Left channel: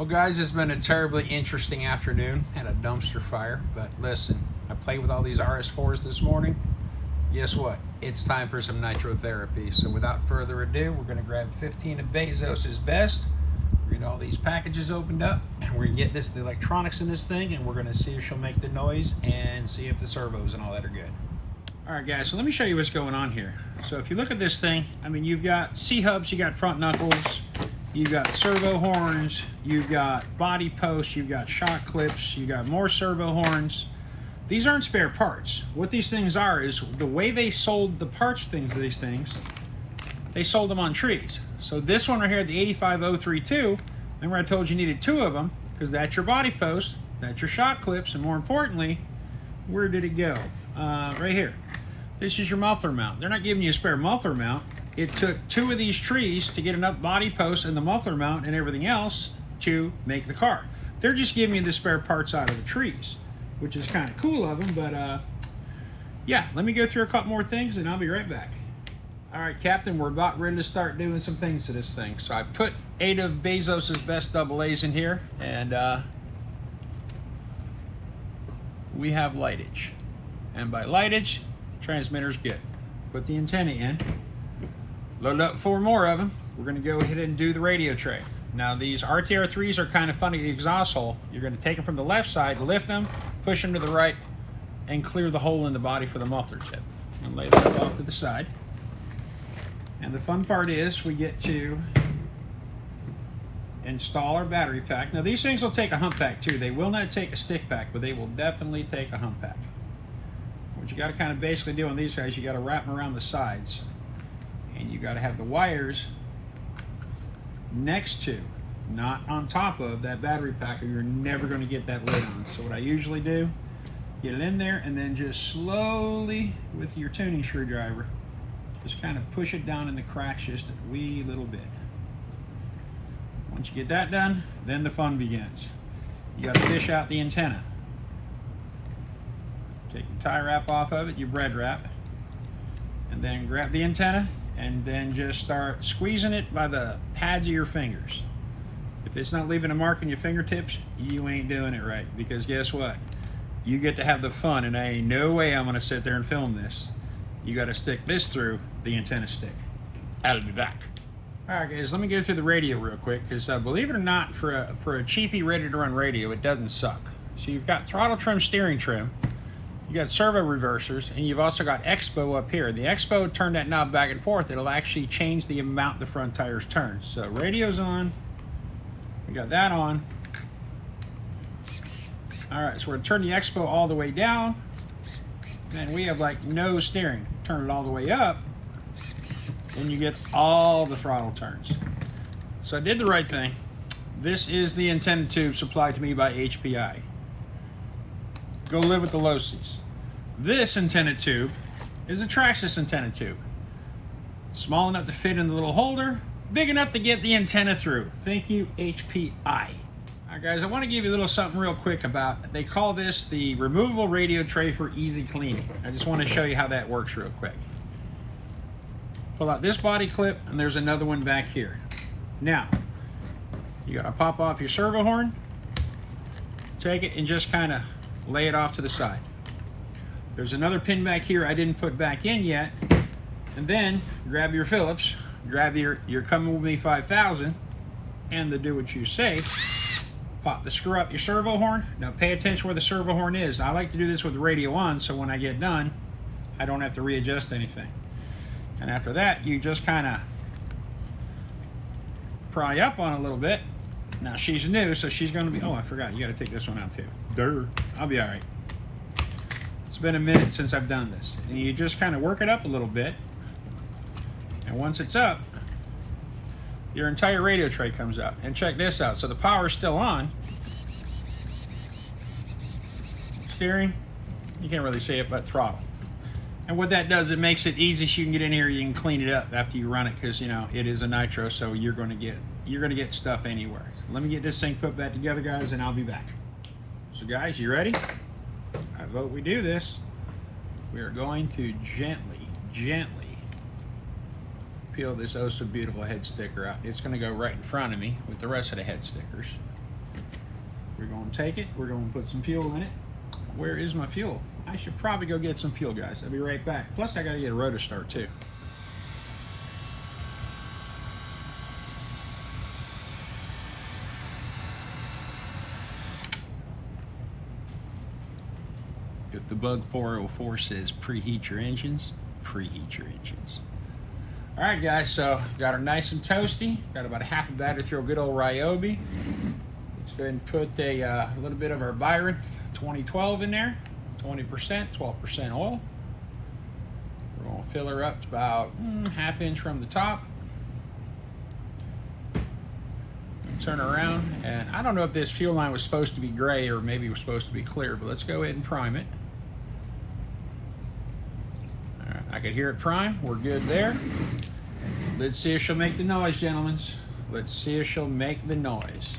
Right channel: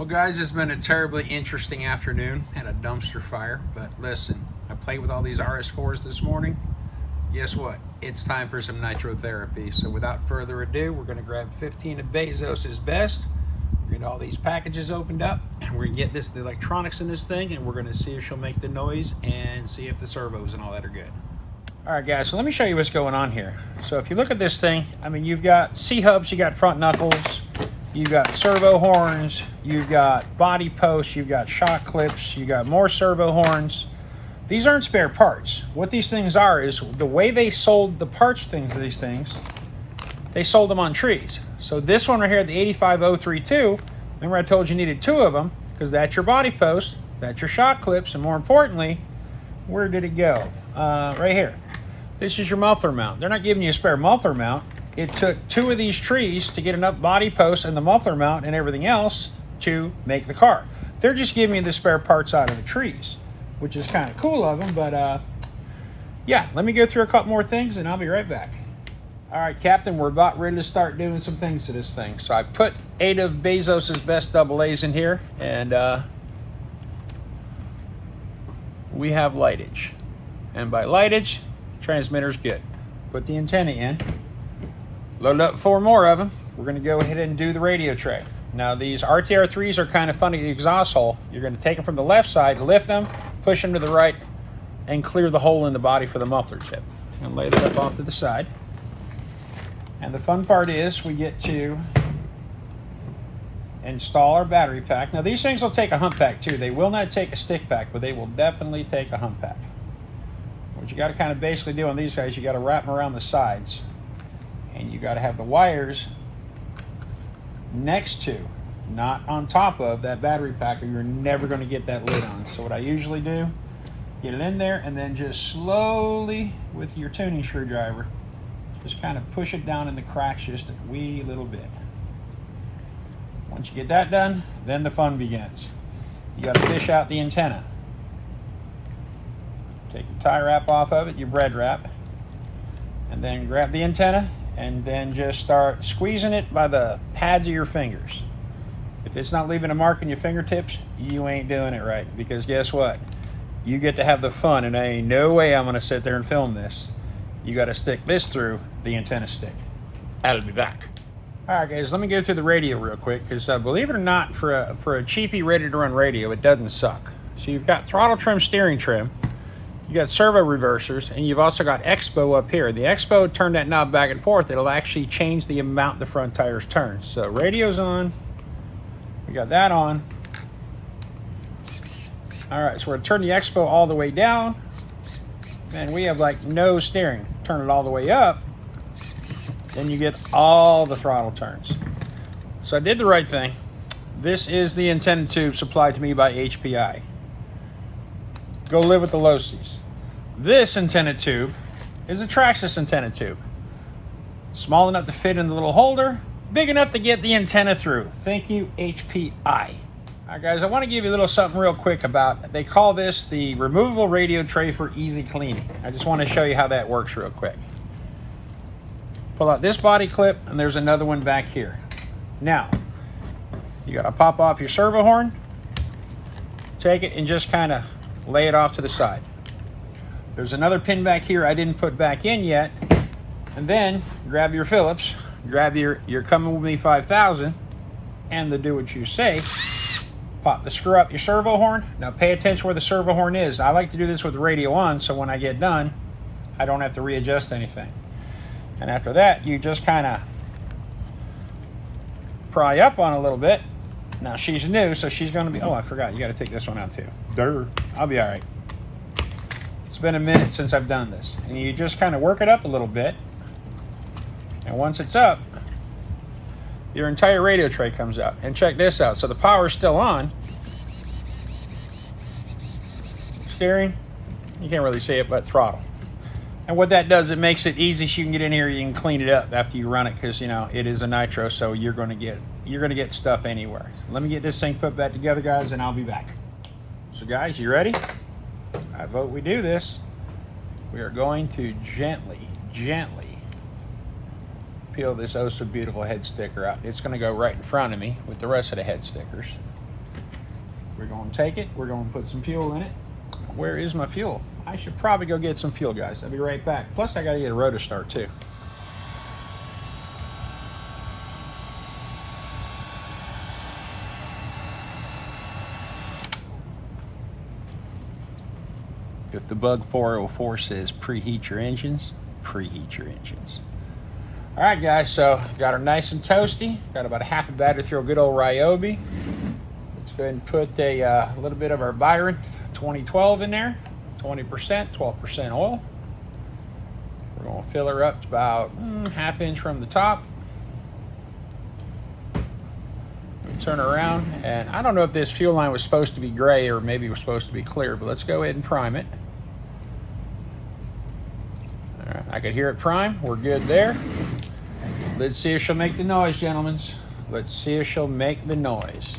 Well, guys, it's been a terribly interesting afternoon. Had a dumpster fire, but listen, I played with all these RS4s this morning. Guess what? It's time for some nitro therapy. So without further ado, we're going to grab 15 of Bezos's best. We're going to get all these packages opened up, and we're going to get the electronics in this thing, and we're going to see if she'll make the noise and see if the servos and all that are good. All right, guys, so let me show you what's going on here. So if you look at this thing, I mean, you've got C-hubs, you got front knuckles, you've got servo horns, you've got body posts, you've got shock clips, you got more servo horns. These aren't spare parts. What these things are is the way they sold the parts things of these things, they sold them on trees. So this one right here, the 85032, remember I told you needed two of them, because that's your body post, that's your shock clips, and more importantly, where did it go? Right here. This is your muffler mount. They're not giving you a spare muffler mount. It took two of these trees to get enough body posts and the muffler mount and everything else to make the car. They're just giving you the spare parts out of the trees, which is kind of cool of them, but yeah, let me go through a couple more things and I'll be right back. All right, Captain, we're about ready to start doing some things to this thing. So I put 8 of Bezos's best AA's in here, and we have lightage. And by lightage, transmitter's good. Put the antenna in. Load up 4 more of them. We're going to go ahead and do the radio tray. Now these RTR3s are kind of funny, the exhaust hole. You're going to take them from the left side, lift them, push them to the right, and clear the hole in the body for the muffler tip. And lay that up off to the side. And the fun part is we get to install our battery pack. Now these things will take a hump pack too. They will not take a stick pack, but they will definitely take a hump pack. What you got to kind of basically do on these guys, you got to wrap them around the sides. And you got to have the wires next to, not on top of, that battery pack, or you're never going to get that lid on. So what I usually do, get it in there and then just slowly with your tuning screwdriver, just kind of push it down in the cracks just a wee little bit. Once you get that done, then the fun begins. You got to fish out the antenna. Take your tie wrap off of it, your bread wrap, and then grab the antenna and then just start squeezing it by the pads of your fingers. If it's not leaving a mark in your fingertips, you ain't doing it right, because guess what? You get to have the fun, and there ain't no way I'm gonna sit there and film this. You gotta stick this through the antenna stick. I'll be back. All right, guys, let me go through the radio real quick, because believe it or not, for a cheapy ready-to-run radio, it doesn't suck. So you've got throttle trim, steering trim, you got servo reversers, and you've also got Expo up here. The Expo, turn that knob back and forth, it'll actually change the amount the front tires turn. So radio's on, we got that on. All right, so we're gonna turn the Expo all the way down, and we have like no steering. Turn it all the way up, then you get all the throttle turns. So I did the right thing. This is the antenna tube supplied to me by HPI. Go live with the Losies. This antenna tube is a Traxxas antenna tube. Small enough to fit in the little holder, big enough to get the antenna through. Thank you, HPI. All right, guys, I want to give you a little something real quick about, they call this the removable radio tray for easy cleaning. I just want to show you how that works real quick. Pull out this body clip, and there's another one back here. Now, you got to pop off your servo horn, take it and just kind of lay it off to the side. There's another pin back here I didn't put back in yet, and then grab your Phillips, grab your Coming With Me 5000 and the Do What You Say, pop the screw up your servo horn. Now pay attention where the servo horn is. I like to do this with the radio on, so when I get done I don't have to readjust anything. And after that, you just kind of pry up on a little bit. Now she's new, so she's going to be, oh, I forgot, you got to take this one out too. Durr. I'll be all right. It's been a minute since I've done this. And you just kind of work it up a little bit. And once it's up, your entire radio tray comes out. And check this out. So the power's still on. Steering, you can't really see it, but throttle. And what that does, it makes it easy so you can get in here, you can clean it up after you run it, because you know it is a nitro, so you're gonna get stuff anywhere. Let me get this thing put back together, guys, and I'll be back. So guys, you ready? I vote we do this. We are going to gently peel this oh so beautiful head sticker out. It's going to go right in front of me with the rest of the head stickers. going to take it. We're going to put some fuel in it. Where is my fuel? I should probably go get some fuel, guys. I'll be right back. Plus, I got to get a rotor start, too. If the bug 404 says preheat your engines, preheat your engines. All right, guys, so got her nice and toasty. Got about a half a battery through a good old Ryobi. Let's go ahead and put a little bit of our Byron 2012 in there. 20%, 12% oil. We're going to fill her up to about ½ inch from the top. Turn her around, and I don't know if this fuel line was supposed to be gray or maybe it was supposed to be clear, but let's go ahead and prime it. All right, I could hear it prime. We're good there. Let's see if she'll make the noise, gentlemen. Let's see if she'll make the noise.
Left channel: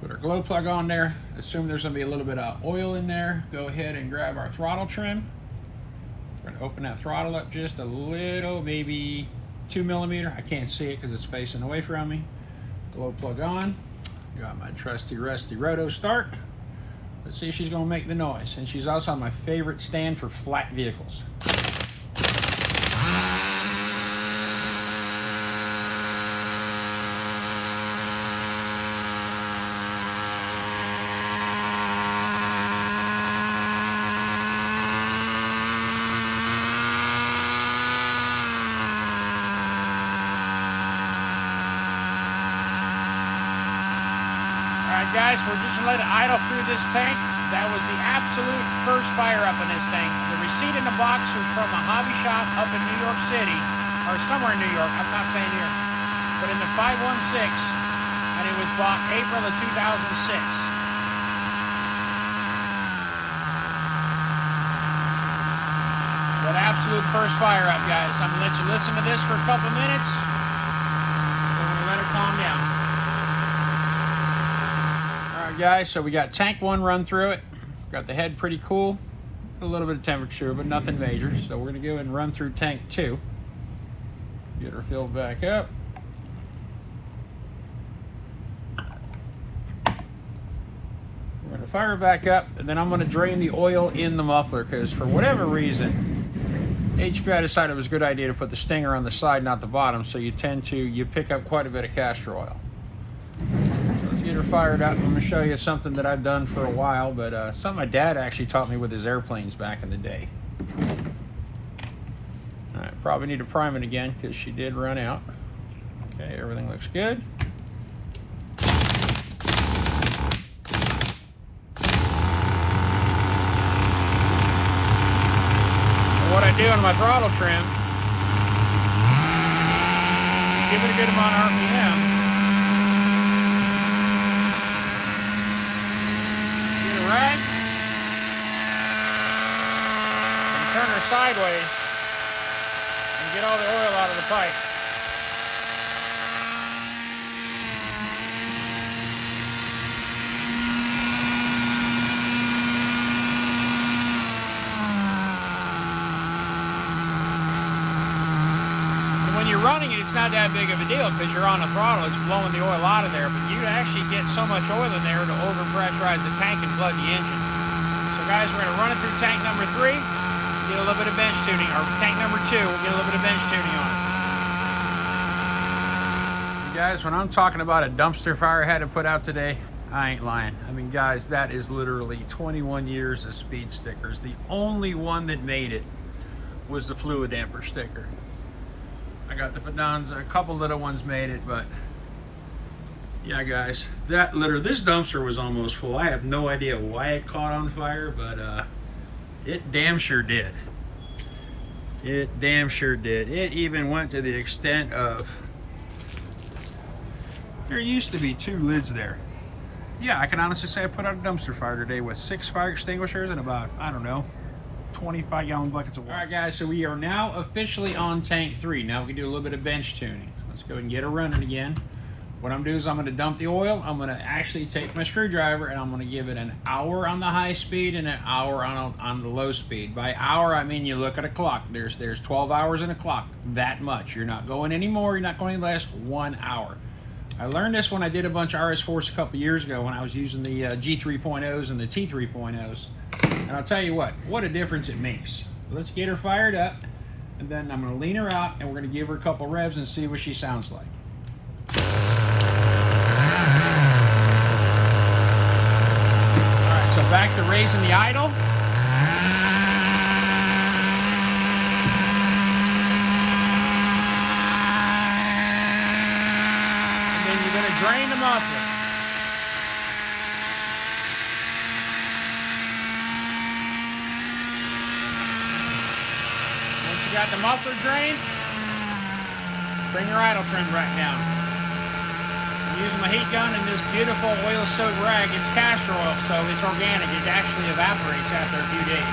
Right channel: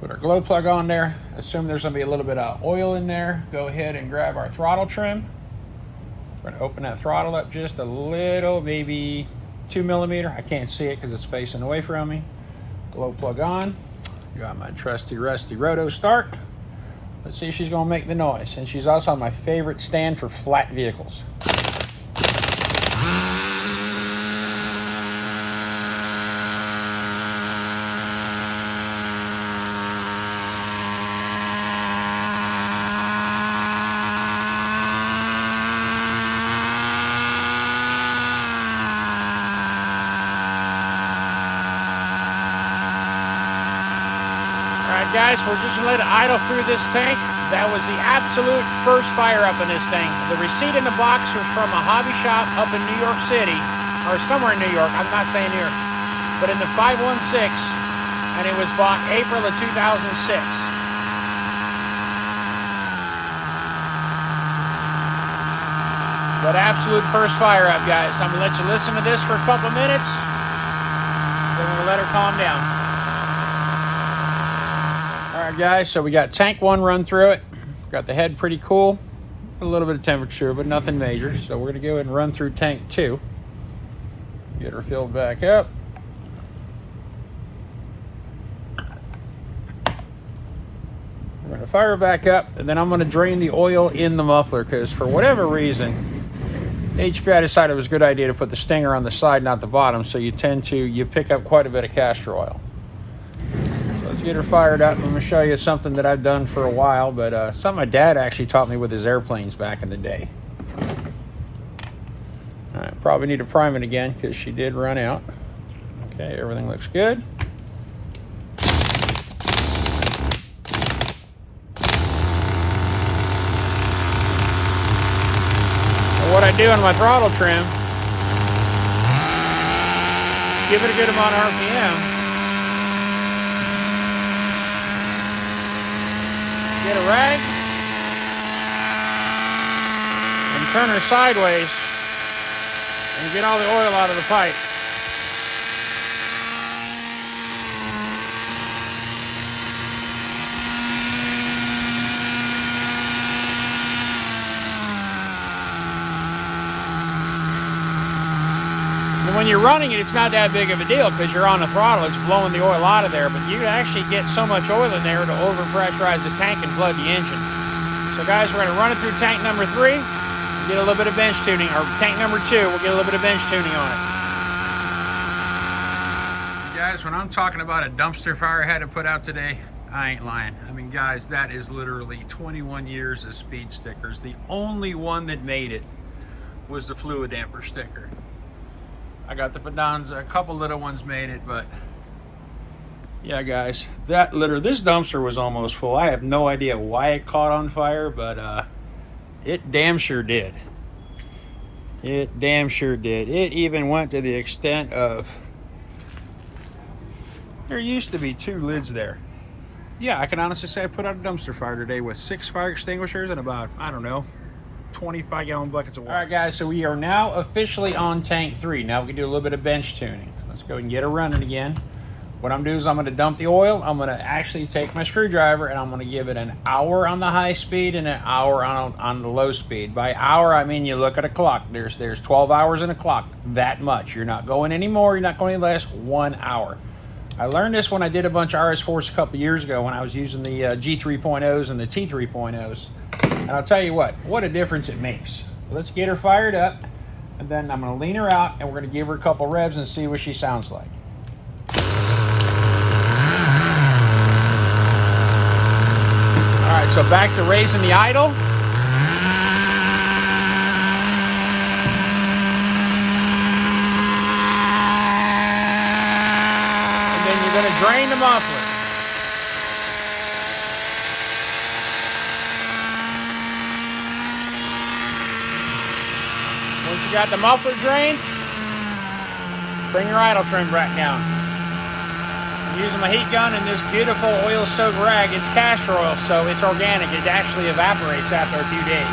Put our glow plug on there. Assume there's going to be a little bit of oil in there. Go ahead and grab our throttle trim. We're going to open that throttle up just a little, maybe 2 millimeter. I can't see it because it's facing away from me. Glow plug on. Got my trusty rusty roto start. Let's see if she's going to make the noise. And she's also on my favorite stand for flat vehicles. Guys, we're just going to let it idle through this tank. That was the absolute first fire up in this thing. The receipt in the box was from a hobby shop up in New York City, or somewhere in New York, I'm not saying here, but in the 516, and it was bought April of 2006. That absolute first fire up, guys. I'm going to let you listen to this for a couple minutes. Then we're going to let her calm down. Guys, so we got tank 1 run through it. Got the head pretty cool, a little bit of temperature, but nothing major. So we're gonna go ahead and run through tank 2. Get her filled back up. We're gonna fire her back up, and then I'm gonna drain the oil in the muffler because for whatever reason, HPI decided it was a good idea to put the stinger on the side, not the bottom. So you pick up quite a bit of castor oil. Get her fired up. I'm going to show you something that I've done for a while, but something my dad actually taught me with his airplanes back in the day. All right, probably need to prime it again because she did run out. Okay, everything looks good. And what I do on my throttle trim, give it a good amount of RPM. Rag and turn her sideways and get all the oil out of the pipe. And when you're running it, it's not that big of a deal because you're on the throttle, it's blowing the oil out of there, but you actually get so much oil in there to overpressurize the tank and flood the engine. So guys, we're going to run it through tank number 3, get a little bit of bench tuning, or tank number 2, we'll get a little bit of bench tuning on it. Guys, when I'm talking about a dumpster fire I had to put out today, I ain't lying. I mean, guys, that is literally 21 years of speed stickers. The only one that made it was the fluid damper sticker. I got the Fidanza, a couple little ones made it, but yeah, guys, this dumpster was almost full. I have no idea why it caught on fire, but it damn sure did. It damn sure did. It even went to the extent of, there used to be 2 lids there. Yeah, I can honestly say I put out a dumpster fire today with 6 fire extinguishers and about, I don't know, 25-gallon buckets of water. All right, guys, so we are now officially on tank 3. Now we can do a little bit of bench tuning. Let's go and get her running again. What I'm doing is I'm going to dump the oil. I'm going to actually take my screwdriver and I'm going to give it an hour on the high speed and an hour on the low speed. By hour, I mean you look at a clock. There's 12 hours in a clock. That much. You're not going any more. You're not going any less. 1 hour. I learned this when I did a bunch of RS4s a couple years ago when I was using the G3.0s and the T3.0s. And I'll tell you what a difference it makes. Let's get her fired up, and then I'm going to lean her out, and we're going to give her a couple revs and see what she sounds like. All right, so back to raising the idle. Drain the muffler. Once you got the muffler drained, bring your idle trim back down. I'm using my heat gun and this beautiful oil-soaked rag. It's castor oil, so it's organic. It actually evaporates after a few days.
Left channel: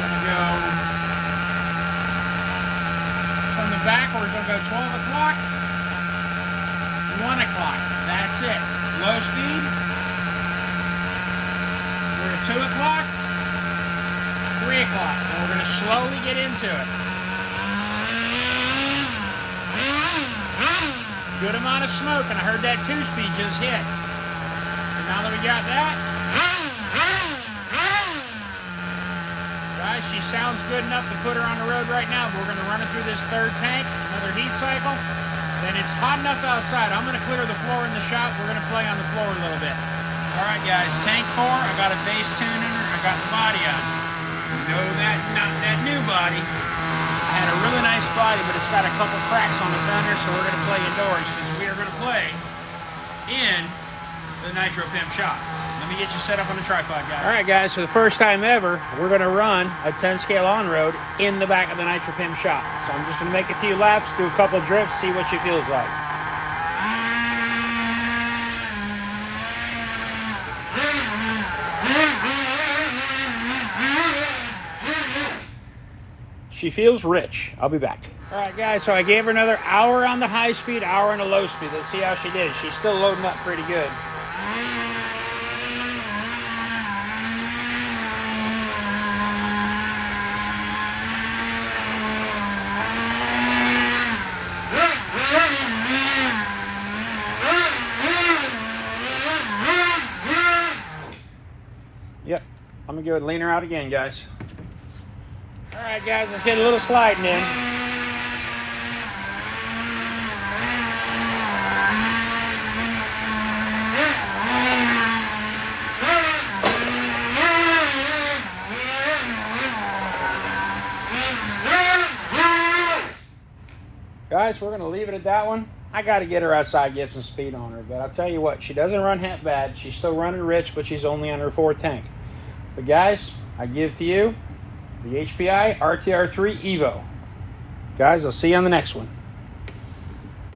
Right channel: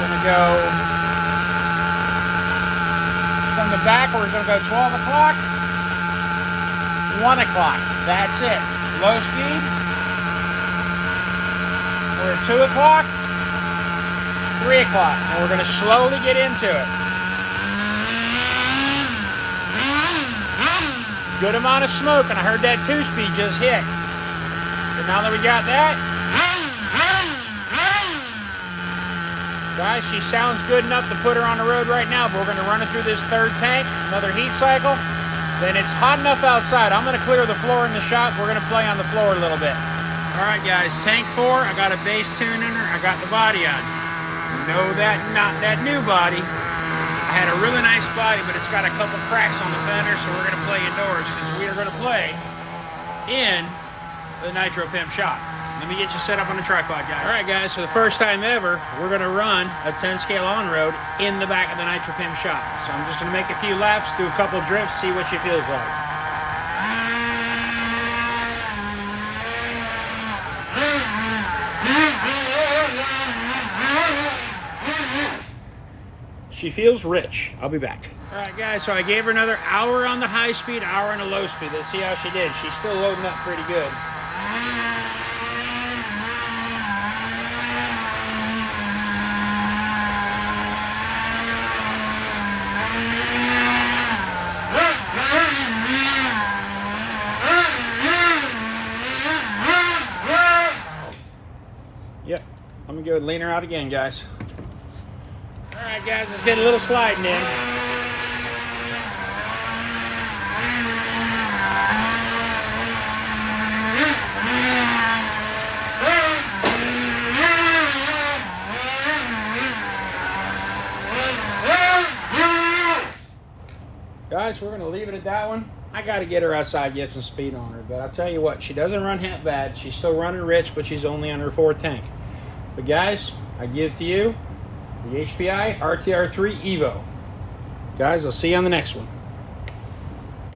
There we go. From the back, we're going to go 12 o'clock. 1 o'clock, that's it. Low speed. We're at 2 o'clock, 3 o'clock. And we're going to slowly get into it. Good amount of smoke, and I heard that 2-speed just hit. And now that we got that, guys, she sounds good enough to put her on the road right now, but we're going to run it through this 3rd tank, another heat cycle. Then it's hot enough outside. I'm going to clear the floor in the shop. We're going to play on the floor a little bit. All right, guys, tank 4. I got a base tune in her. I got the body on. No, not that new body. I had a really nice body, but it's got a couple cracks on the fender, so we're going to play indoors because we are going to play in the NitroPimp shop. Let me get you set up on the tripod, guys. All right, guys, for the first time ever, we're going to run a 10-scale on-road in the back of the NitroPimp shop. So I'm just going to make a few laps, do a couple drifts, see what she feels like. She feels rich. I'll be back. All right, guys, so I gave her another hour on the high speed, hour on the low speed. Let's see how she did. She's still loading up pretty good. Yep, I'm gonna go and lean her out again, guys. All right, guys, let's get a little sliding in. Guys, we're gonna leave it at that one. I gotta get her outside, get some speed on her, but I'll tell you what, she doesn't run half bad. She's still running rich, but she's only on her 4th tank. But guys, I give to you the HPI RTR3 Evo. Guys, I'll see you on the next one.